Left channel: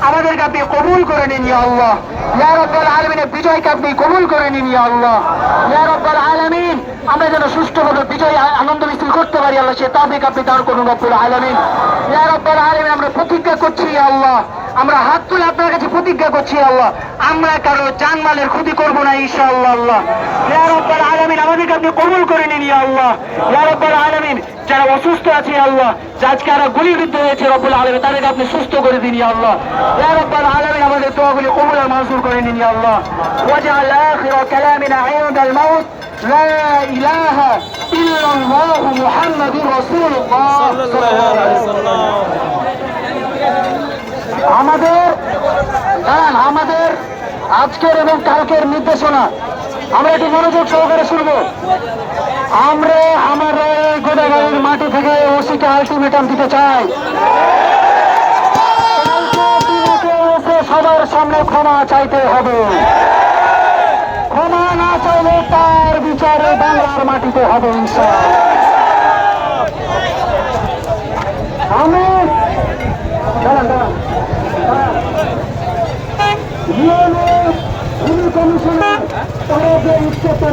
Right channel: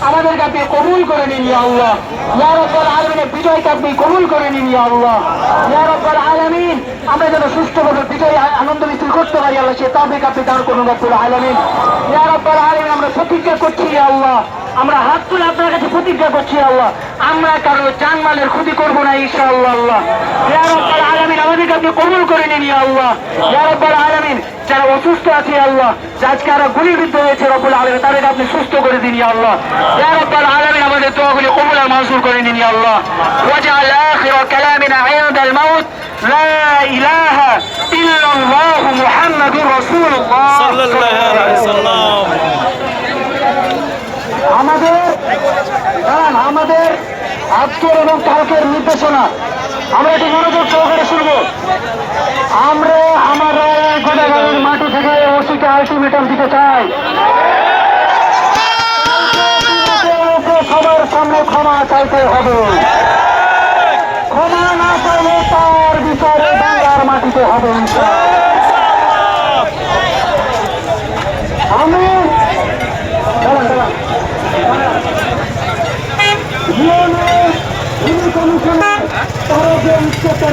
আমাদেরকে আপনি কবুল করে নিন আল্লাহ। ইয়া রব্বাল আলামিনের বিজয়কে আপনি কবুল করে নিন আল্লাহ। ইয়া রব্বাল আলামিন, আমরা যেন সুষ্ঠুভাবে বিজয় আনন্দ মিছিল করতে পারি, আল্লাহ, সে তাবিক আপনি দান করুন, রব্বুল আলামিন। ইয়া রব্বাল আলামিন, আমরা প্রতিজ্ঞা করছি আল্লাহ। আমরা হাত তুলে আপনার কাছে প্রতিজ্ঞা করছি আল্লাহ। আমরা কারও জানমালের ক্ষতি করব না, ইনশাআল্লাহ, আল্লাহ। কবুল করে নিন আল্লাহ রব্বুল আলামিন যারা অসুস্থ আছে আল্লাহ আজকে যারা গুলিবিদ্ধ হয়েছে রব্বুল আলামিন তাদেরকে আপনি সুস্থ করে দিন আল্লাহ রব্বুল আলামিন আমাদের দোয়াগুলি কবুল আর মঞ্জুর করে নিন আল্লাহ ওয়াজআল আখির কালামিনা ইনদাল মাউত লা ইলাহা ইল্লাল্লাহ মুহাম্মাদুর রাসূলুল্লাহ সাল্লাল্লাহু আলাইহি ওয়াসাল্লাম আমাদের আমাদের আজকের এবং কালকের নির্দেশনা আমরা এটি মনোযোগ সহকারে আলটিমেটাম দিতে চাই। সবার সামনে ক্ষমা চাইতে হবে। ক্ষমা না চাইলে তার বিচারে বাংলার মাটিতে হবে। আমি কমিশনের তারা যে উচ্চতা